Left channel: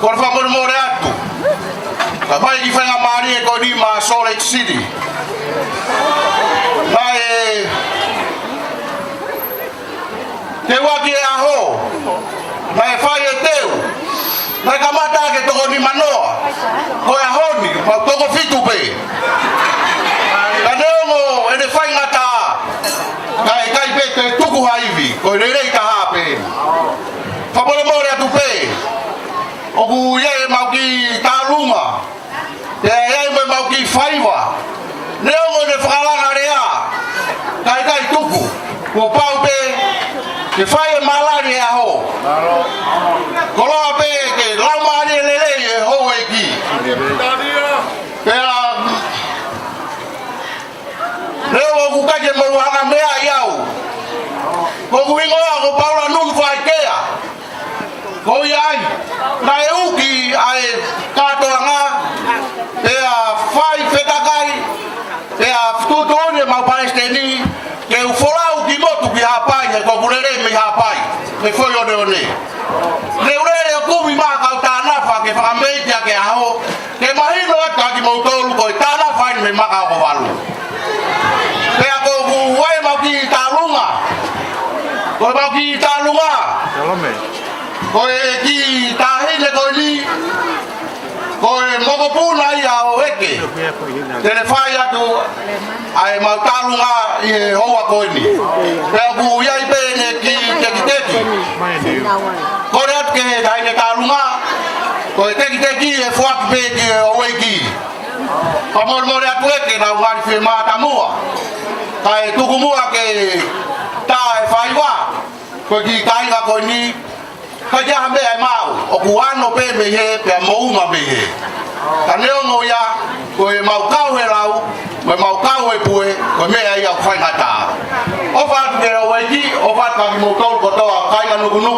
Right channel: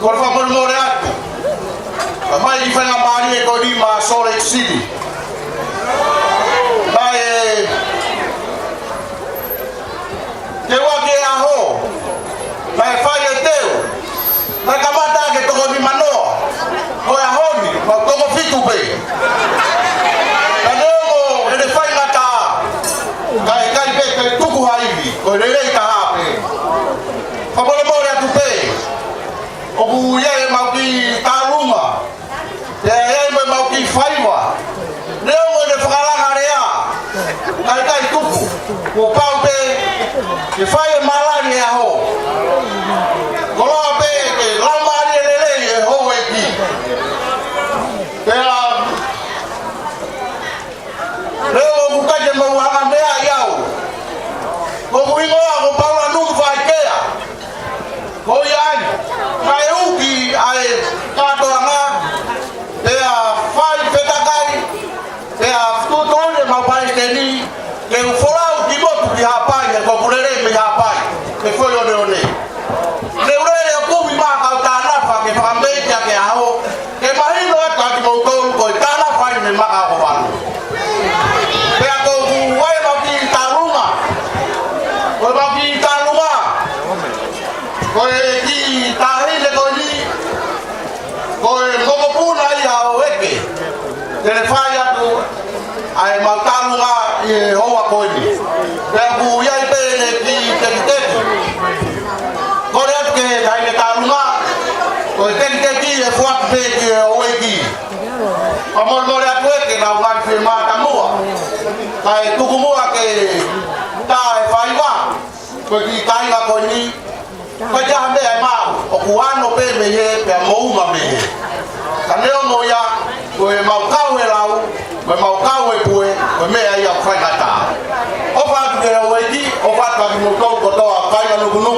Por favor, Morato. Vai di fare Maria con di ma solo City. Vai te vuoi che a ho. Vai fai il teo. La camata che tu di manoa. Poi a hobby, ma tu fitu pe. Andiamo e ne fai la ta. Vai kai pe tu ku haivi, ko le le ta pe. Favore Morato pe. Ogu ye ma ki ta luma. Te ye ma ki faiva. Neo de fala area. Kai kai tu ko pau te ki fai malaria ho. Kolo pe ke la mani le ho e ki. Pera Leo ku ka ke mo ala me ayau. Ko wingo ko paula nu fai ke. Ko yan. Mai uki ai Katoa ea fai fetakai ea tutone ma palestini che forau di moto di hapai ko kulele mi hapai che foi o meu ne le ore ku mi ma ka ta na fa ke fambe ya ke ao ke mai no ka di moto ko ta na fa mi ma ka wa ea to ku we ma ki ta luma ko ma ki ta luma ko ki ta ni ko ni ko mo puna ya weke te faya tu ai matanga e hoa koni pe bu ya te ki te ko re ke ta me kaluma ko te ki e fwa pe ki weki pa mo no la weke na va filma ta mo ai tu mo ke ta fai wa ko ki kai ga koni ka ja be ma o kuano pe me he pe mo uma be kaneo no ya ko e mau kau e lau ko mau kau e pue ko me ai a fai ta o fa ke o e di o fa ka mu ko ko do ka ya no no